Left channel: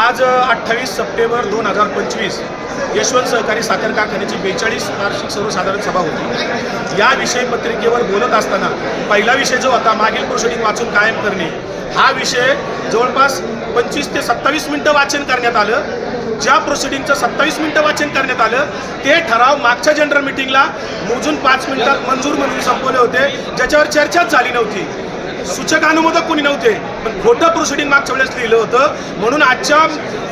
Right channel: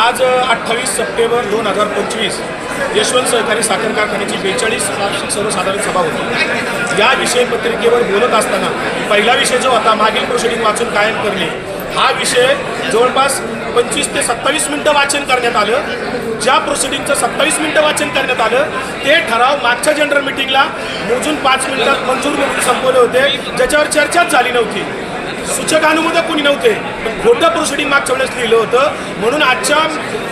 आज अठ्ठावीस सप्टेंबर दोन हजार पंचवीस यशवंत सहकारी साखर कारखान्याची बेचाळीस वार्षिक सर्वसाधारण सभा होती. या विषय पत्रिकेवर बोलत असताना पहिला विषय जो होता मागील प्रोसिडिंग वाचून कायम करणे हा विषय जवळपास पंचवीस ते सत्तावीस मिनिटं वाचन करण्यात आलं. ज्या प्रोसिडिंगचं सत्तावीस मिनिटं वाचन करण्यात आलं ते ठराव मागच्या जनरल मिटिंगला मोजून पाच मिनिटात मंजूर म्हणून संपवले होते ज्याच्यावर चर्चाच झाली नव्हती. सूचक अनुमोदक कोणी नव्हते. पण खोटं प्रोसिडिंग मागच्या वेळेस लिहिलं होतं. म्हणून आजच्या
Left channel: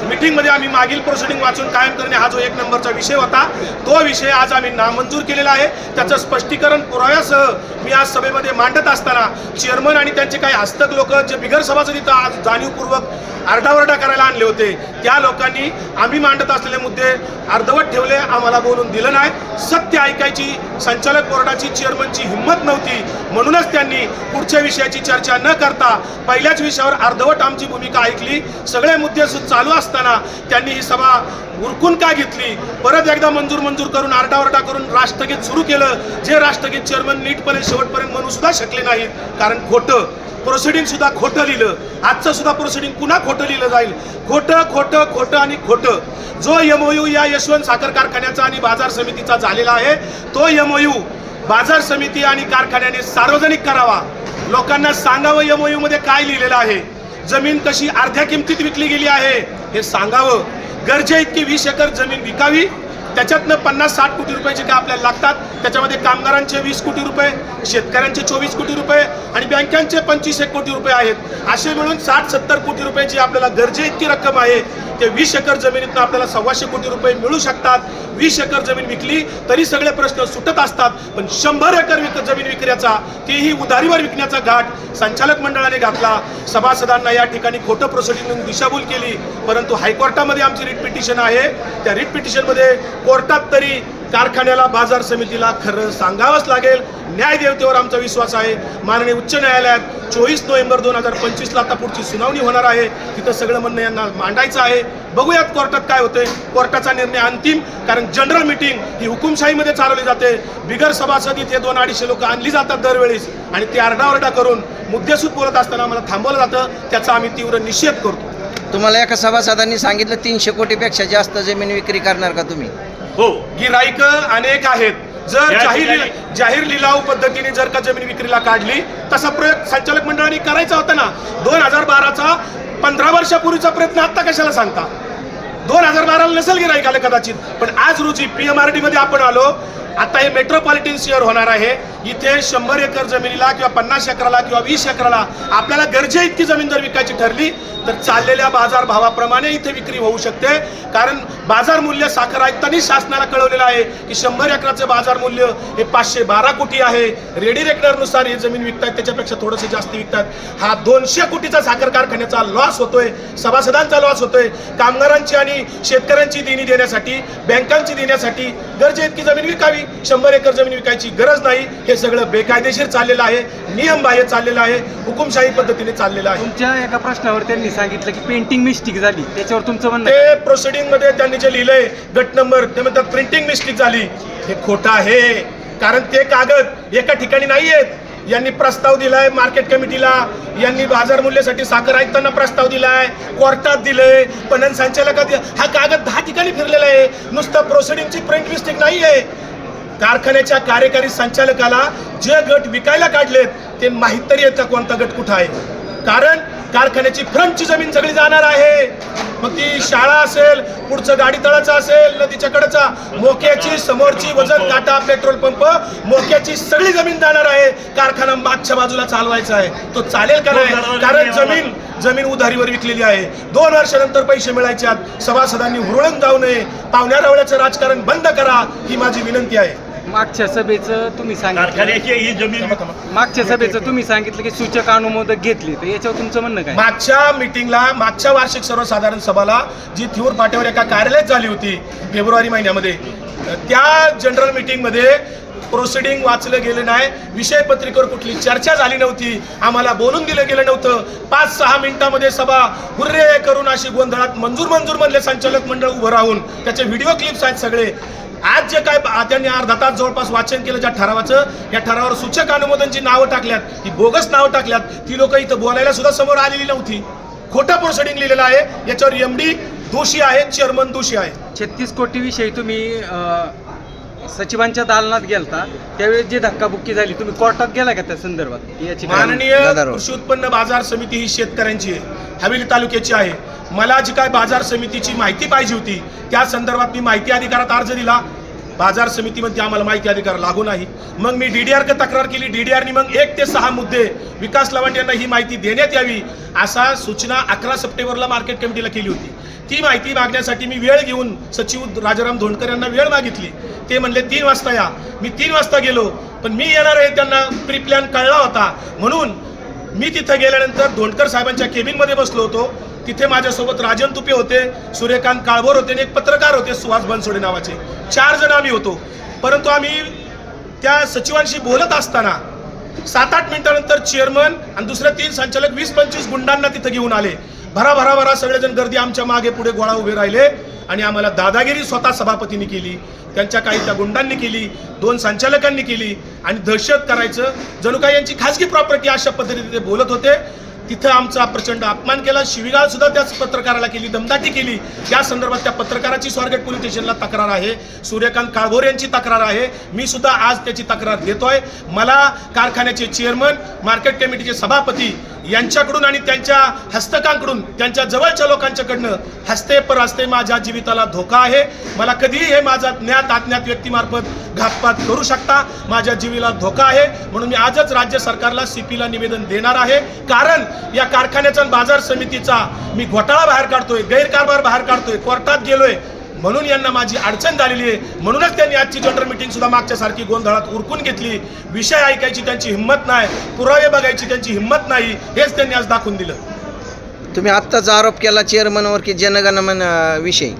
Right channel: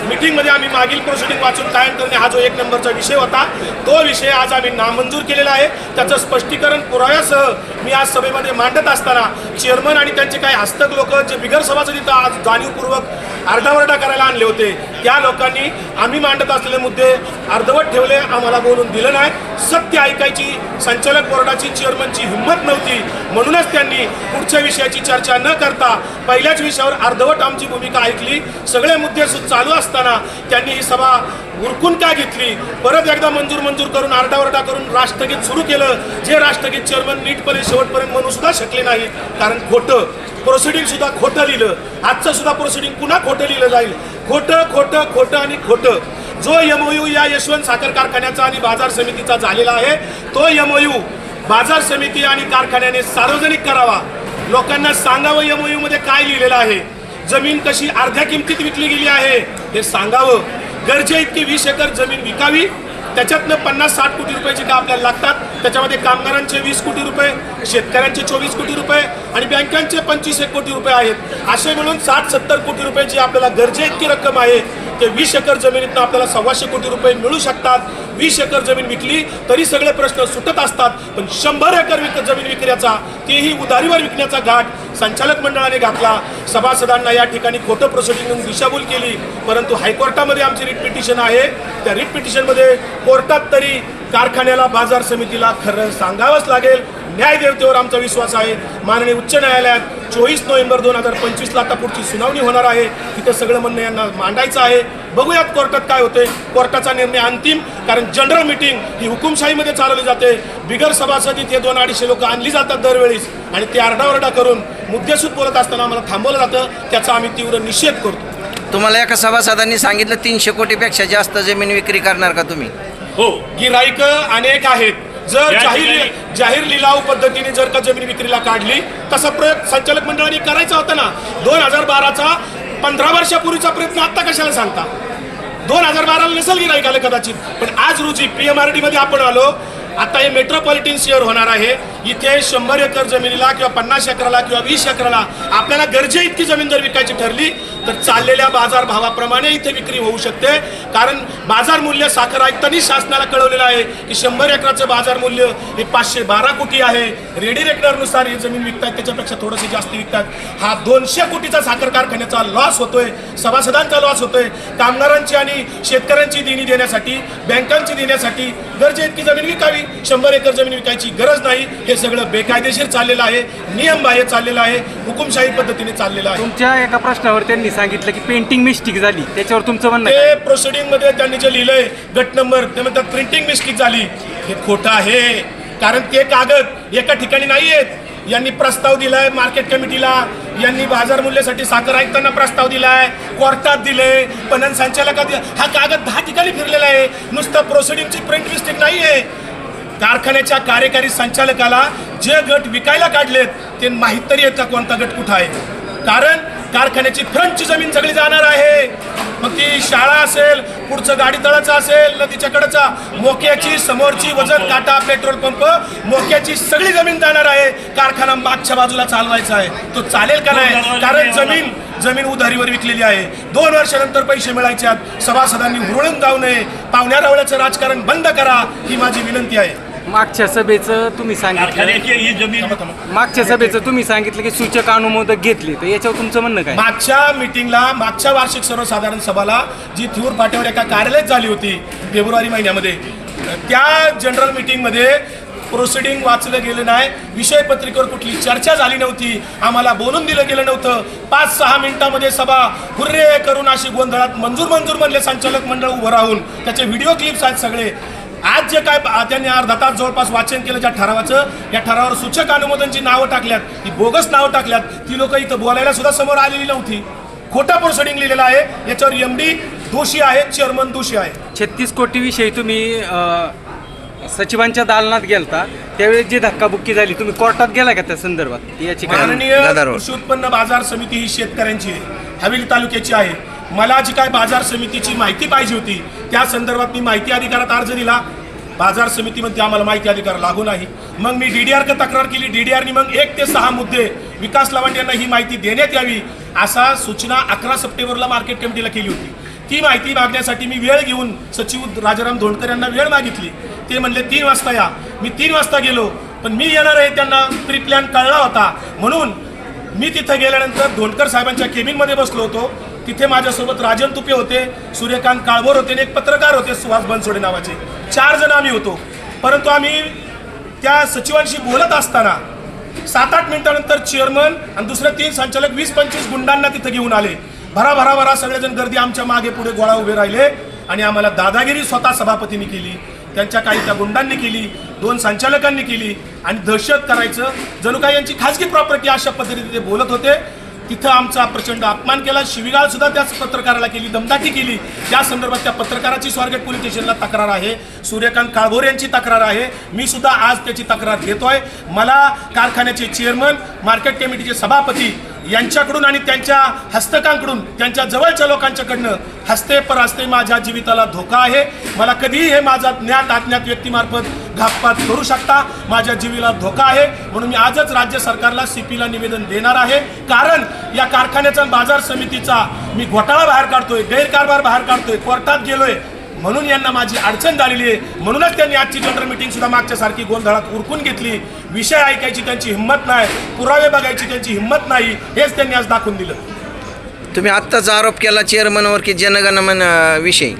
मिटिंगमध्ये आम्ही मागील प्रोसिडिंग वाचून कायम करणे हा जो एक नंबरचा विषय होता तो विषय आज आम्ही नामंजूर केलेला आहे. त्याचं स्पष्टीकरण पुराव्यासह मी आज सभेमध्ये मांडत असताना चेअरमन आणि त्यांचे काही हस्तक लोक जे बिगर सभासद आज जाणीवपूर्वक आरडाओरडा करायला आणले होते त्या लोकांनी आम्ही मांडत असलेले मुद्दे अर्धवट ठेवले आम्हाला बोलून दिलं नाही. सत्य ऐकायची संचालक बोर्डाची चेअरमनची हिंमत नव्हती. म्हणूनच त्यांनी पुढच्या विषयाची चर्चा न करता पहिल्याच विषयावर अर्धवट आमची भूमिका ऐकली. सगळे मुद्दे चालू असताना त्यांनी ही सभा उरकून काय घेतली? परत एकदा मंजूर मंजूर करून आरडाओरडा करून राष्ट्रगीत सुरू केलं. जे राष्ट्रगीत चेअरमन नीटपणे शेवटपर्यंत म्हणू सुद्धा शकले नाही. कारण खोटं प्रोसिडिंग सुद्धा खोटं लिहिलं. आजचं सुद्धा प्रोसिडिंग पुन्हा खोटं लिहिलं जाईल. खोटं खोटं खोटं आणि खोटं. जो एमओयू या यशवंत साखर कारखान्याचा आणि बाजार समितीचा झालेला आहे तो एमओयू बाजार समिती आणि कारखान्याने सार्वजनिक करावा. लोकांना सांगावं एमओयू मध्ये काय लिहिलेलं आहे. जमीन कशी अर्ध्या किमतीत विकली गेली आहे हे सांगावं. गरजे इतकी वीस एकर जमीन विकावी. त्याच्यातनं पन्नास साठ कोटी रुपये जे काय आपल्याला लागतात. त्याच्यामध्ये कामगारांचे वीस कोटी रुपये शेतकऱ्यांचे चोवीस कोटी रुपये आणि बँकांचे पंचवीस एक कोटी रुपये आहेत. असे मिळून साठ सत्तर कोटी रुपये जी आपल्याला गरजे इतकी रक्कम आहे. ते वीस एकर जमिनीतनं आपल्याला सव्वाशे कोटी रुपये मिळू शकतात. वीस एकर जमीन विकली तरी सगळे प्रश्न सुटत असतात. पण शंभर एकर विक जमीन विकण्याचा तेही उधारीवर विकण्याचा घाट संचालक मंडळाने घातला. सभासदांना या ठिकाणी खोटं प्रोसिडिंग दिशाभूल केली. परंतु हायकोर्टामध्ये आमची रिट पिटिशन आहे. त्या रिट पिटिशनमध्ये कोर्टात तरी कारखान्याला बाजार समितीला खरं सांगावंच लागेल. न्यायदेवतेवर आमचा विश्वास आहे. माननीय उच्च न्यायालयात चोवीस नोव्हेंबर दोन हजार पंचवीसला आता पुढची सुनावणी होणार आहे. तिथं सगळं म्हणणं यांना मांडायचं आहे. बघूयात कोर्टात काय होते कोर्टाचा निर्णय अंतिम कारण जनरल मिटिंग ही हुकुमशाहीमध्ये चालवली जाते. बिगर सभासद इथे दोन अडीचशे लोक आणली जातात दरवेळेस. आणि ते आरडाओरडा करून मुद्देसूद बोलत असताना आम्हाला थांबवलं जातं. त्याचा आम्ही तीव्र निषेध करतो. तुम्हाला एका सभासदांनी सांगितलं तीनशे कोटीपेक्षा जास्त जमीन विक्री करणार का तुम्ही? हो गिराईक अनेक आहेत. जर जाहीर जाहीर लिलाव पद्धतीने जर का जमीन विक्रीला काढली तसा प्रयोग संचालक मंडळाने करायचा होता ना? दोन हजार बाराचा पंधरा वर्षापूर्वीचा प्रयत्न आता कशाला सांगता? दोन हजार बाराला नसेल गिराईक आलं कदाचित पण आज रोजी पीएमआरडी मध्ये आपण आलो. आता हे मेट्रोपॉलिटन शहर होणार आहे. इथे शंभर एकर जमिनीला किंवा पन्नास एकराला किंवा वीस एकराला आपल्याला गरजे इतकी जमीन जर विकायची ठरली तर चाललेल्या बाजार भावाप्रमाणे इथे विक्री होऊ शकते. कारण बाजार मूल्य साखर आयुक्तांनी शासनाला कळवलेलं आहे की शंभर एकराचं बाजार मूल्य हे पाचशे बारा कोटी आहे. रेडी रेकनरनुसार ही जमीन विकतात त्याच्यापेक्षा थोडंसं जास्त विकतात. हा दोनशे कोटीचा साखर कारखान्याचा लॉस होतोय सभासदांचा लॉस होतोय. कामगारांची आणि शेतकऱ्यांची देणी देण्यासाठी बँकांची देण्यासाठी गरजे इतकी जमीन विकावी. शंभर एकर जमीन विकायची गरज नाही. हे सगळं बेकायदेशीर चाललेलं आहे. नियमबाह्य चाललेलं आहे. हुकुमशाही पद्धतीने चाललेलं आहे. तुमच्या एका प्रश्नावर त्यांनी सांगितलं की पेंटिंग मिस्टेक झाली. त्याच्यावर तुमचं म्हणणं? ते प्रोसिडिंगमध्ये त्यांनी जे लिहिलंय गट नंबर ते म्हणतात प्रिंटिंग मिस्टेक झाली. हे खोटं आहे. कारण ते कागद एका ठिकाणी नाही आहेत यांनी प्रस्ताव दिलाय मार्केट कमिटीला यांनी बाजार मूल्यासाठी साखर आयुक्तांना प्रस्ताव दिलाय. कोर्टात दिलंय. पणन संचालकात हा कागद दहा ठिकाणी फिरलेला आहे. नुसतं प्रोसिडिंगची प्रिंट मिस्टेक नाही आहे कारखान्याच्या कार्यकारी संचालकाला जे गट विकायला काढलेत ते माहीत तरी आहेत का कोणता गट कुठं आहे? कारण कारखान्याची फ्रंटची जमीन सगळी जाणार आहे. मग ती शाळा असेल पुढचं गाडी तळाचं असेल नदीच्या कडेचा मोक्याची समोरची वजन काटा पेट्रोल पंप मोक्याची सगळी जमीन जाणार आहे. कारखाना मागच्या बाजूला चालवायचा आहे. तो चालेल का नाही? कारण जमीन जमीन उधारीवर विकलेली आहे. दोन वर्षानंतर पैसे मिळायचे आहेत. सभासदांनी हुरळून जाऊ नये. पाहुण्या रावळ्याचं राजकारण बंद करा ही माझी विनंती आहे. मागच्या सभेचं तुम्ही सांगितलं. कारखान्याची ही जमीन. मागच्या सभेचं तुम्ही सांगितलं की सूचक अनुमोदक घेतली. तर याच्यावर तुमचं म्हणणं काय? मागच्या मिटिंगला मागच्या वार्षिक सर्वसाधारण सभाला जी थिऊर पाट्यावर एका कार्यालयात झाली होती फेब्रुवारी महिन्यामध्ये त्या जनरल मिटिंगमध्ये प्रोसिडिंग वाचलं गेलं नाही. विषय पत्रिकेवर कुठली चर्चा झाली नव्हती. आम्हाला बोलून दिलं गेलं नव्हतं. पाच सहा मिनिटामध्ये सभा हुर्रे करून अशी गोंधळात मंजूर मंजूर म्हणले संचालक मंडळ उभं राहून त्याचे व्हिडिओ क्लिप्स आहेत सगळे. आज जे काय त्यांनी अर्धा तास जवळपास वाचन केलं ज्या ठरावाचं या ठरावावर सूचक अनुमोदनची नावं टाकल्यात. ती बोगस नावं टाकल्यात. ती लोक इथं बोलायला सुद्धा समोर आलेली नव्हती. खोटा प्रोसिडिंग लिहिलेला आहे. याच्यावर एम डी दोषी आहे चेअरमन दोषी आहे छत्तीस कोटी विषयी तुम्ही सचिवांच्या दालनात गेलता. त्यावेळी जी धक्काबुक्की झाली तुम्ही कोर्टात गेला का त्या संदर्भात? याची माननीय. कृषी उत्पन्न बाजार समिती ही शेतकऱ्यांची आहे. हवेली तालुक्याची आहे. मला जी काय बाजार समितीची माहिती पाहिजे होती त्या संदर्भात मी माहिती अधिकारात अर्ज दिला. बाजार समितीमध्ये आम्हाला माहिती अधिकार लागू नाही. मग मी डीडीआरकडे तक्रार केली. डीडीआरनी मग एक ते सहा मुद्दे विकास लावंड यांना ही माहिती देण्यात यावी असा सूचना अकरा सप्टेंबरला मार्केट कमिटीला केली होती. ती माहिती मागण्यासाठी मी वेळ घेऊन सचिव राजाराम धोंडकर यांना वेळ मागितली. ते म्हणले तीन वाजता या. मी तीन वाजता गेलो पण मी येणार आहे त्यांना प्री प्लॅन कळला होता. म्हणून मी तिथं गेल्यानंतर धोंडकर साहेबांच्या केबिनमध्ये बसलो होतो. तिथे माझ्यासोबत राजन तुपे होते सूर्यकांत काळभोर होते आणि एक पत्रकार होते सुहास बनसोडे नावाचे. चार जण आम्ही होतो. परंतु आम्ही त्या सचिवांशी बोलत असताना सात आठ मिनिटानंतर चेअरमन आणि दुसरे तीन संचालक वीस पंचवीस गुंडांना तिथं घेऊन आले. भरा भरा भरा सगळेजण गर्दी आमच्या मागे पुढे गोळा उभे राहिले आणि आम्हाला दादागिरी स्वतः सभापतींनी केली. त्यांच्या काही त्या गुंडांनी केली दोन संचालकांनी केली आणि दहशत करायचं. जणू काही यांची खासगी प्रॉपर्टी अशा पद्धतीने ते बोलत होते. तिथं आमचा प्रचंड अपमान केला. शिवीगाळ सुद्धा त्याच पत्रकाराला केली दमदाटी केली. त्या संदर्भात त्या पत्रकाराची स्वारगेट पोलीस स्टेशनला तक्रार आहे. सूर्यकांत काळभोर यांची तक्रार आहे. मी सुद्धा आज त्याची तक्रार घेतोय. मला कारखान्याचे चेअरमन मार्केट कमिटीचे सभापती यांच्याकडून आणि त्यांच्या हस्तकांकडून त्यांच्या जवळच्या लोकांच्याकडनं हस्ते परहस्ते माझ्या जीविताला धोका आहे. मला कधीही हे माझा ज्ञात अज्ञात व्यक्तीमार्फत घातपात करू शकता. माझ्या जीवीला धोका आहे. म्हणून मी आजच राज्य सरकारला सीपीला निवेदन देणार आहे. कारण या कारखान्याचा बाजार समितीचा मी घोटाळा बाहेर काढतोय गैरकारभार बाहेर काढतोय कोर्टात गेलोय. म्हणून यांना माझी अडचण झालेली आहे. म्हणूनच त्यांनी आजची जनरल मीटिंग सुद्धा मागच्या सारखी गोंधळात उरकून घेतली. विषय ऐकायची त्यांची हिंमत नाही पुरावे बघायची त्यांची हिंमत नाही हेच त्यांनी आज दाखवून दिलं. तुम्ही आत्ताच आरोप केला चेअरमनवर की जनगणमन विषयी.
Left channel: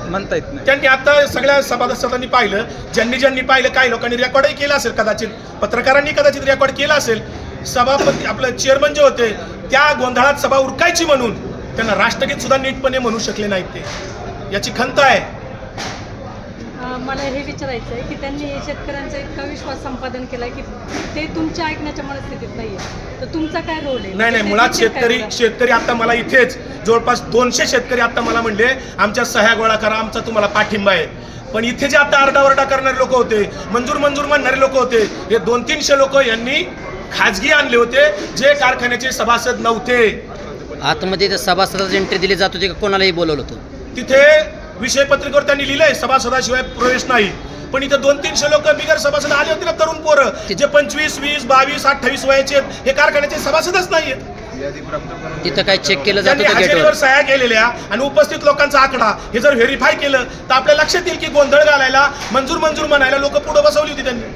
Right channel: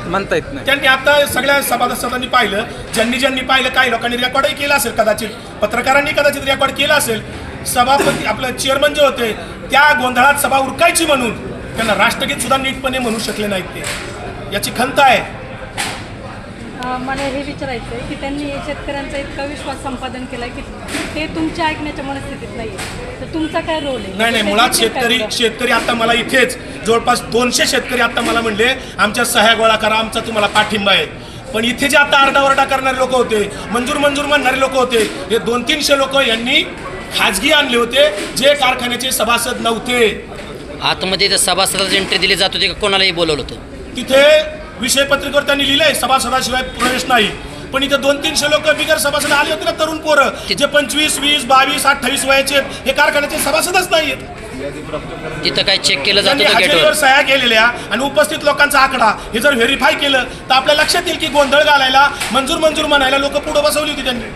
म्हणता येत नाही. त्यांनी आता सगळ्या सभासदांनी पाहिलं ज्यांनी ज्यांनी पाहिलं काही लोकांनी रेकॉर्डही केलं असेल कदाचित पत्रकारांनी कदाचित रेकॉर्ड केलं असेल. सभापती आपलं चेअरमन जे होते त्या गोंधळात सभा उरकायची म्हणून त्यांना राष्ट्रगीत सुद्धा नीटपणे म्हणू शकले नाहीत ते. याची खंत आहे. मला हे विचारायचं आहे की त्यांनी शेतकऱ्यांचा इतका विश्वास संपादन केला की ते तुमच्या ऐकण्याच्या मनस्थितीत नाही तर तुमचा काय रोल आहे? नाही नाही ते मुळात शेतकरी करा? शेतकरी आता मला इथेच जवळपास दोनशे शेतकरी आता मला म्हणले आमच्या सह्या गोळा करा आमचा तुम्हाला पाठिंबा आहे. पण इथे जे आता आरडाओरडा करणारे लोक होते मंजूर मंजूर म्हणणारे लोक होते हे दोन तीनशे लोक यांनी खाजगी आणले होते जे कारखान्याचे सभासद नव्हते. आतमध्ये सभासदाची एंट्री दिली जात होती कोणालाही बोलवलं होतं? तिथे विषय पत्रिकेवर त्यांनी लिहिलंय सभासदाशिवाय प्रवेश नाही. पण इथे दोन तीनशे लोक बिगर सभासद आले होते ना तरुण पोरं जे पंचवीस वीस बावीस अठ्ठावीस वयाचे हे कारखान्याचे सभासदच नाहीयेत तिथं काय चेक केलं त्यांनी हजेरीवर सह्या केलेल्या आणि उपस्थित लोकांचा आकडा हे जर व्हेरीफाय केलं तर आपल्या लक्षात येईल की गोंधळ घालायला मंजूर मंजूर म्हणायला लोक पुढे बसवली होती त्यांनी.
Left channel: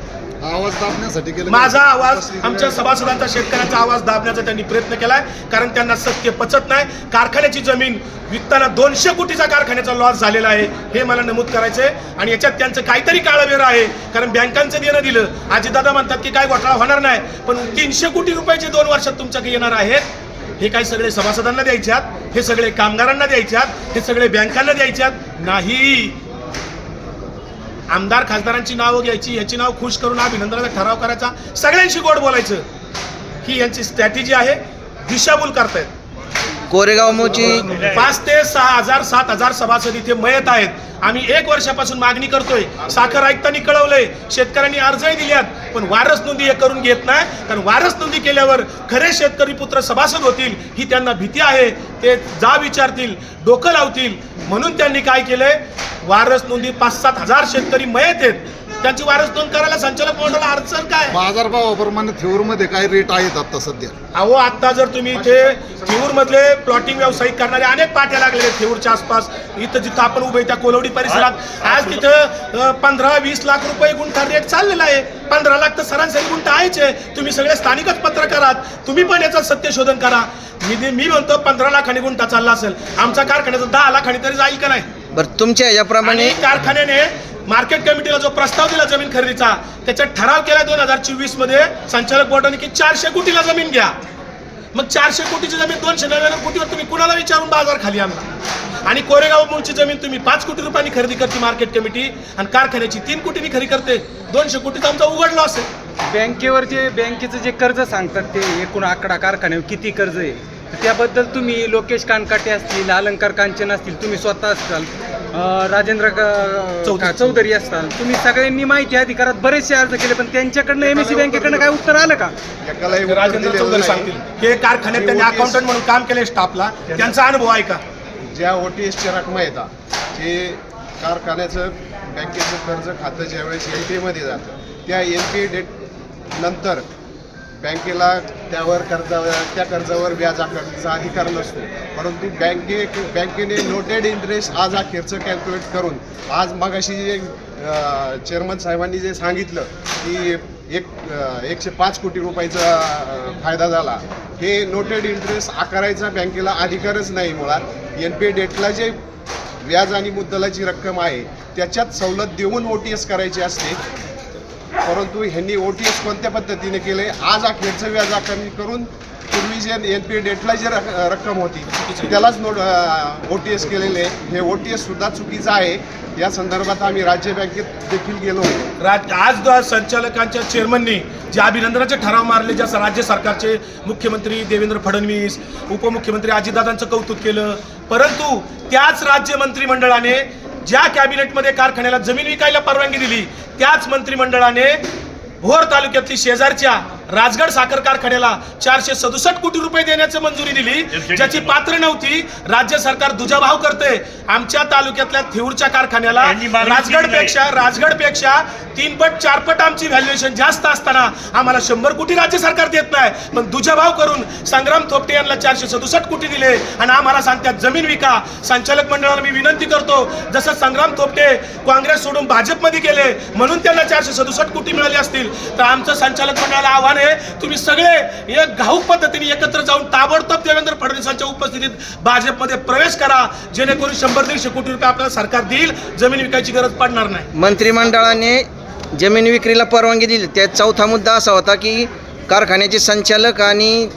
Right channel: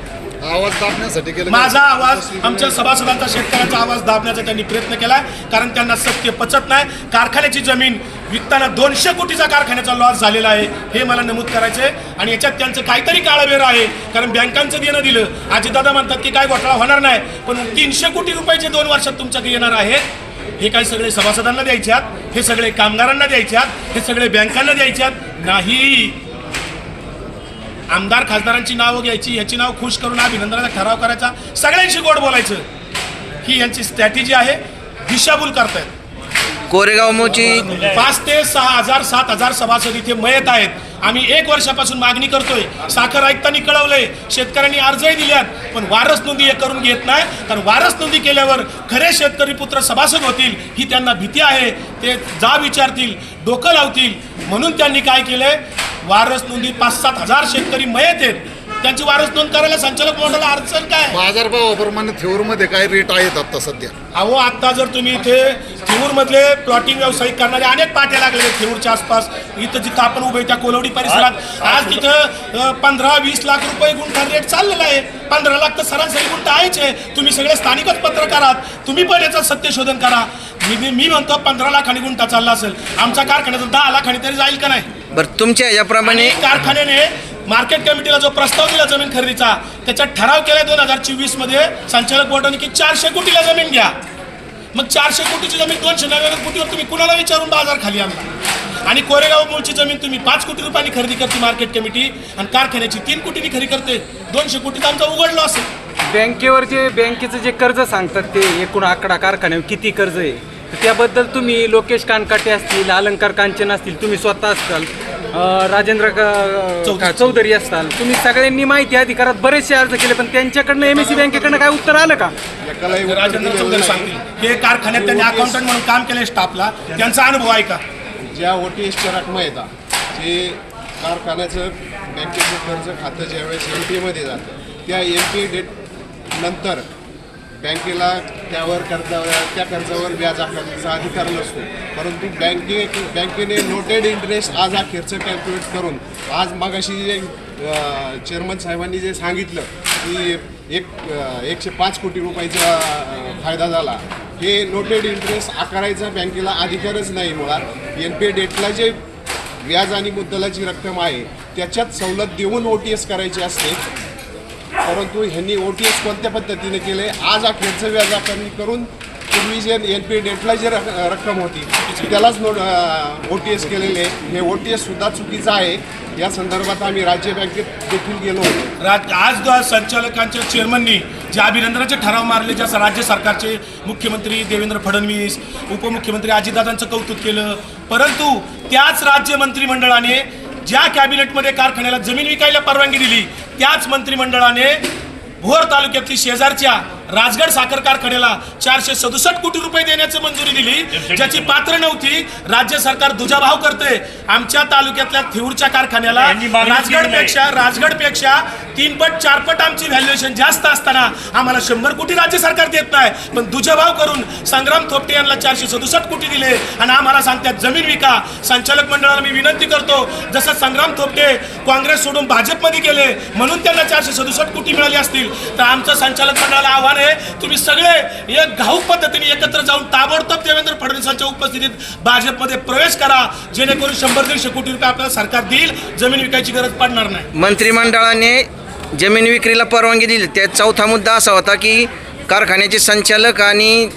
आवाज दाबण्यासाठी केलं माझा आवाज आमच्या सभासदांचा शेतकऱ्यांचा आवाज दाबण्याचा त्यांनी प्रयत्न केलाय कारण त्यांना सत्य पचत नाही. कारखान्याची जमीन विकताना दोनशे कोटीचा कारखान्याचा लॉस झालेला आहे हे मला नमूद करायचं आहे आणि याच्यात त्यांचं काहीतरी काळावेर आहे कारण बँकांचं देणं दिलं. आजीदादा म्हणतात की काय घोटाळा होणार नाही पण तीनशे कोटी रुपयाचे दोन वर्षात तुमच्याकडे येणार आहेत हे काय सगळे सभासदांना द्यायच्यात हे सगळे कामगारांना द्यायच्यात हे सगळे बँकांना द्यायच्यात नाही. आमदार खासदारांची नावं घ्यायची याची नाव खुश करून अभिनंदनाचा ठराव करायचा. सगळ्यांशी गोड बोलायचं. ही यांची स्ट्रॅटेजी आहे. दिशाभूल करतायत. कोरेगाव मोची. पाच ते सहा हजार सात हजार सभासद इथे मयत आहेत. आम्ही एक वर्षापासून मागणी करतोय. साखर आयुक्तांनी कळवलंय. शेतकऱ्यांनी अर्जही दिल्यात. पण वारस नोंदी हे करून घेत नाही. कारण वारस नोंदी केल्यावर खरे शेतकरी पुत्र सभासद होतील ही त्यांना भीती आहे. ते जा विचारतील डोकं लावतील. म्हणून त्यांनी काय केलंय? वारस नोंदी पाच सात हजार शेतकरी मयत आहेत. त्यांची वारस नोंद करायला संचालक मंडळाला अडचण काय? बाजारभावाप्रमाणे थेऊरमध्ये काय रेट आहेत आता सध्या? अहो आता जर तुम्ही इथे थेऊर मधले प्लॉटिंग व्यावसायिक करणारे अनेक पाट्या लागलेले आहेत थेऊरच्या आसपास. इथं जिथं आपण उभे त्या कोलवडी परिसरात. आज तिथं पंधरा वीस लाख रुपये गुंठा रेट चाललेला आहे. पंधरा लाख तर सरासरी गुंठा आहेच आहे. तुम्ही सगळे स्थानिकच पत्रकार आहात तुम्ही पण याचं सत्य शोधन करा. मी मी म्हणतो पंधरा लाखांनी गुंठा चालला असेल. आमच्या कारखान्याचा दहा लाखांनी तरी जाईल का नाही? बरं तुमच्या याप्रमाणे आणि कारखान्याने मार्केट कमिटीला जो प्रस्ताव दिला जमीन खरेदीचा त्याच्यात ठराव केला दोन हजार चोवीसमध्ये संचालक बोर्डाने की चारशे कोटीला जमीन घ्या. मग चारशे कोटीची जमीन दोनशे नव्याण्णव कोटीवर तुम्ही कुणाला विचारून बाजार खाली आणला? आणि कोरेगाव मूळची जमीन तुम्ही पाच कोटी रुपयांनी खरेदी करते मार्केट कमिटी आणि कारखान्याची तीन कोटीनी खरेदी करते. दोनशे कोटीचा आमचा उघडला असेल. बँकेवर जे बँकेचं जे कर्ज सांगतात ते एकूण आकडा कारखान्यावर किती कर्ज आहे? त्याबद्दल तुम्ही लोकेश कानकाटे असतील अलंकार कांचन असतील तुम्ही स्वतः असताल अं, राजेंद्र क- चौधरी. असताल तुम्ही सगळ्यांनी माहिती अधिकारात बरेचसे अर्ज केले पण त्यांच्याकडनं एम एस सी बँकेकडनं काय उत्तर आलं का? एकालाही उत्तर राजेंद्र दिलेलं चौधरी नाही. सांगतील. हे कारखान्यात त्यांनी अकाउंटंट म्हणून काम केले स्टाफला त्यांचा अनुभव आहे का ज्या ओ टी एसच्या रकमा येतात जे कारखान्याचं बँकेचं कर्ज खातं ज्यावेळेस एन पी एमध्ये जातं त्या एन पी डेट नंतर बँकेला त्यावर कर्ज त्या कर्जावर व्याज आकारण्याचा अधिकार नसतो. परंतु बँके बँकेने नोटेड इंटरेस्ट आज अखेरचं कॅल्क्युलेट करून आज मगाशी जे चेअरमन साहेबांनी जे सांगितलं की एक एकशे पाच कोटी रुपयाचा फायदा झाला. हे नोटेड इंटरेस्ट आकारायचा बँकेला अधिकारच नाही मुळात. एन पी डेटला जे व्याज आणि मुद्दलाची रक्कम आहे त्याच्यात सवलत देऊन ओ टी एस करायची असते. परंतु ह्यांनी ओ टी एस कोणत्या पद्धतीने केले? आज अखेरचं व्याज आकारणी करून पूर्वी जे एन पी डेटला जे रक- रक्कम होती त्यालाच नोट ओ टी एस केलेले. आहे. हे ओ टी एस सुद्धा चुकीचं आहे. या संदर्भात आम्ही राज्य बँकेत देखील गेलो होतो. राज आज संचालकांच्या चेअरमननी जे अभिनंदनाचे ठराव मारले ज्या राज्य सरकारचे मुख्यमंत्री देवेंद्र फडणवीस उपमुख्यमंत्री अजितदादांचं कौतुक केलं परंतु त्याच राज्य मंत्रिमंडळाने ज्या कॅबिनेटमध्ये कारखान्याला जमीन विकायला परवानगी दिली त्याच मंत्रिमंडळाने भोर तालुक्यातली शेजारच्या राजगड साखर कारखान्याला चारशे सदुसष्ट कोटी रुपये देण्याची मंजुरी दिली. ज्याची पात्र नव्हती. राज्य सरकार दुजाभाव करते. आमच्या तालुक्यातल्या थिऊरच्या कारखान्याला राजगडपेक्षा राजगडपेक्षा तीन पट चार पट आमची व्हॅल्युएशन जास्त असताना आम्हाला शंभर कोटी राज्य सरकार देत नाही. पण दुजाभाव करून संग्राम थोपटे यांना चारशे सदुसष्ट कोटी दिले आणि आम्हाला सांगतात जमीन विका. संचालक मंडळाला मी विनंती करतो जसं संग्राम थोपटे काँग्रेस सोडून भाजपमध्ये गेले म्हणून त्यांना चारशे सदुसष्ट कोटी मिळाले असतील. तर आमचं संचालक मंडळाला आव्हान आहे. तुम्ही सगळे एक घाऊक पद्धतीने एकत्र जाऊन ताबडतोब देवेंद्र फडणवीसांच्या उपस्थितीत भाजपमध्ये प्रवेश करा. जेणेकरून शंभर दीडशे कोटी रुपये आपल्याला सरकार देईल. जमीन विकायची गरज पडणार नाही. मंत्रिमंडळाने जमीन विक्रीला परवानगी दिली. त्यात चौथा मुद्दा असा होता की कारखान्याचे संचालक आणि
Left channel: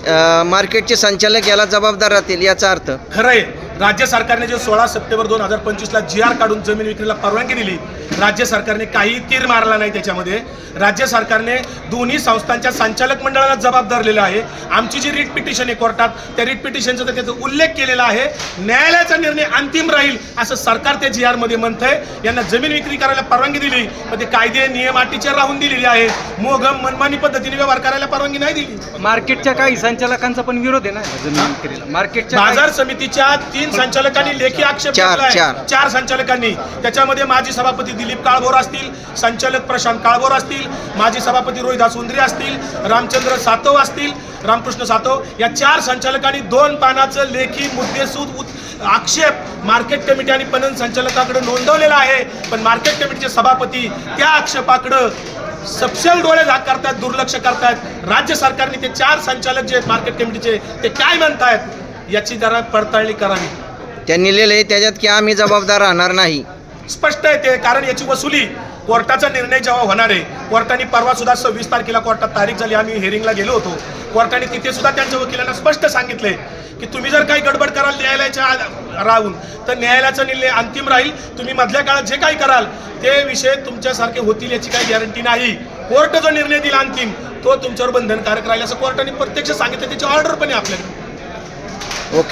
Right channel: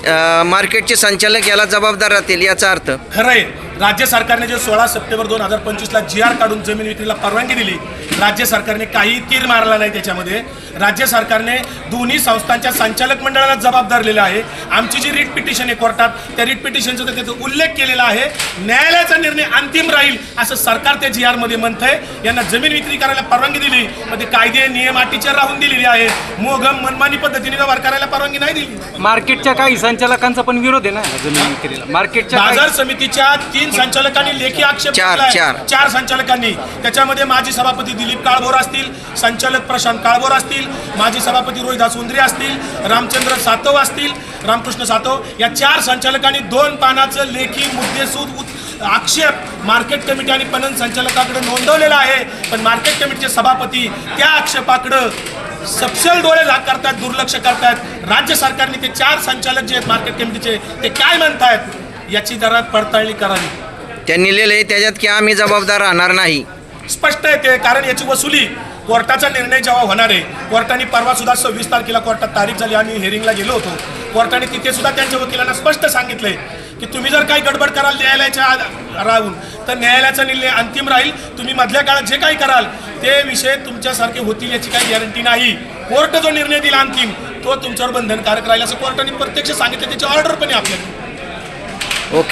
मार्केटचे संचालक याला जबाबदार राहतील याचा अर्थ. खरंय. राज्य सरकारने जे सोळा सप्टेंबर दोन हजार पंचवीसला जी आर काढून जमीन विक्रीला परवानगी दिली. राज्य सरकारने काही तीर मारला नाही त्याच्यामध्ये. राज्य सरकारने दोन्ही संस्थांच्या संचालक मंडळाला जबाब धरलेला आहे. आमची जी रिट पिटिशन आहे कोर्टात त्या रिट पिटिशनचा तर त्याचा उल्लेख केलेला आहे. न्यायालयाचा निर्णय अंतिम राहील असं सरकार त्या जी आरमध्ये म्हणतंय. यांना जमीन विक्री करायला परवानगी दिली पण ते कायदे नियम अटीच्या राहून दिलेली आहे. मोगम मनमानी पद्धतीने व्यवहार करायला परवानगी नाही दिली. मार्केटच्या काही संचालकांचा पण विरोध आहे ना जमीन विक्रीला? मार्केटच्या बाजार समितीच्या तीन संचालकांनी लेखी आक्षेप चार, घेतलाय. चार. चार संचालकांनी. त्याच्यामध्ये माजी सभापती दिलीप काळभोर असतील संचालक प्रशांत काळभोर असतील माजी सभापती रोहिदास उंद्रे असतील रामचंद्र सातव असतील रामकृष्ण सातव या चार संचालकांनी दोन पानाचं लेखी मुद्देसूद आक्षेप मार्केट कमिटी आणि पणन संचालकाकडे नोंदवलेला आहे. पण मार्केट कमिटीचे सभापती त्या आक्षेपाकडं सपशेल डोळे झाक करतात दुर्लक्ष करतात. राज्य सरकारने ते चार संचालक जे आहेत मार्केट कमिटीचे ते काय म्हणतायत? याची जरा पडताळणी करावी त्यांनी लिहिलंय त्याच्यात की आम्ही जबाबदार राहणार नाही. स्पष्ट आहे ते कारण याची वसुली कोर्टाचा निर्णय जेव्हा होणार आहे कोर्टाने परवा सुद्धा सव्वीस तारखेला कोर्टात तारीख झाली आम्ही हेरिंगला गेलो होतो. कोर्टाने तिथे सुद्धा त्यांच्या वकिलांना स्पष्ट सांगितले की तुम्ही जर काही गडबड कराल न्यायालयाच्या राहून तर न्यायालयाचा निर्णय अंतिम राहील. तुम्ही मधल्या काळात जे काही कराल ते विषय तुमच्यासारखे होतील याची काही गॅरंटी नाही. कोर्ट जो निर्णय दिला अंतिम तो तुमच्यावर बंधनकारक राहील असं कोर्टाने प्रत्यक्ष सांगितलं. त्याची ऑर्डर पण आहे आपल्याकडे.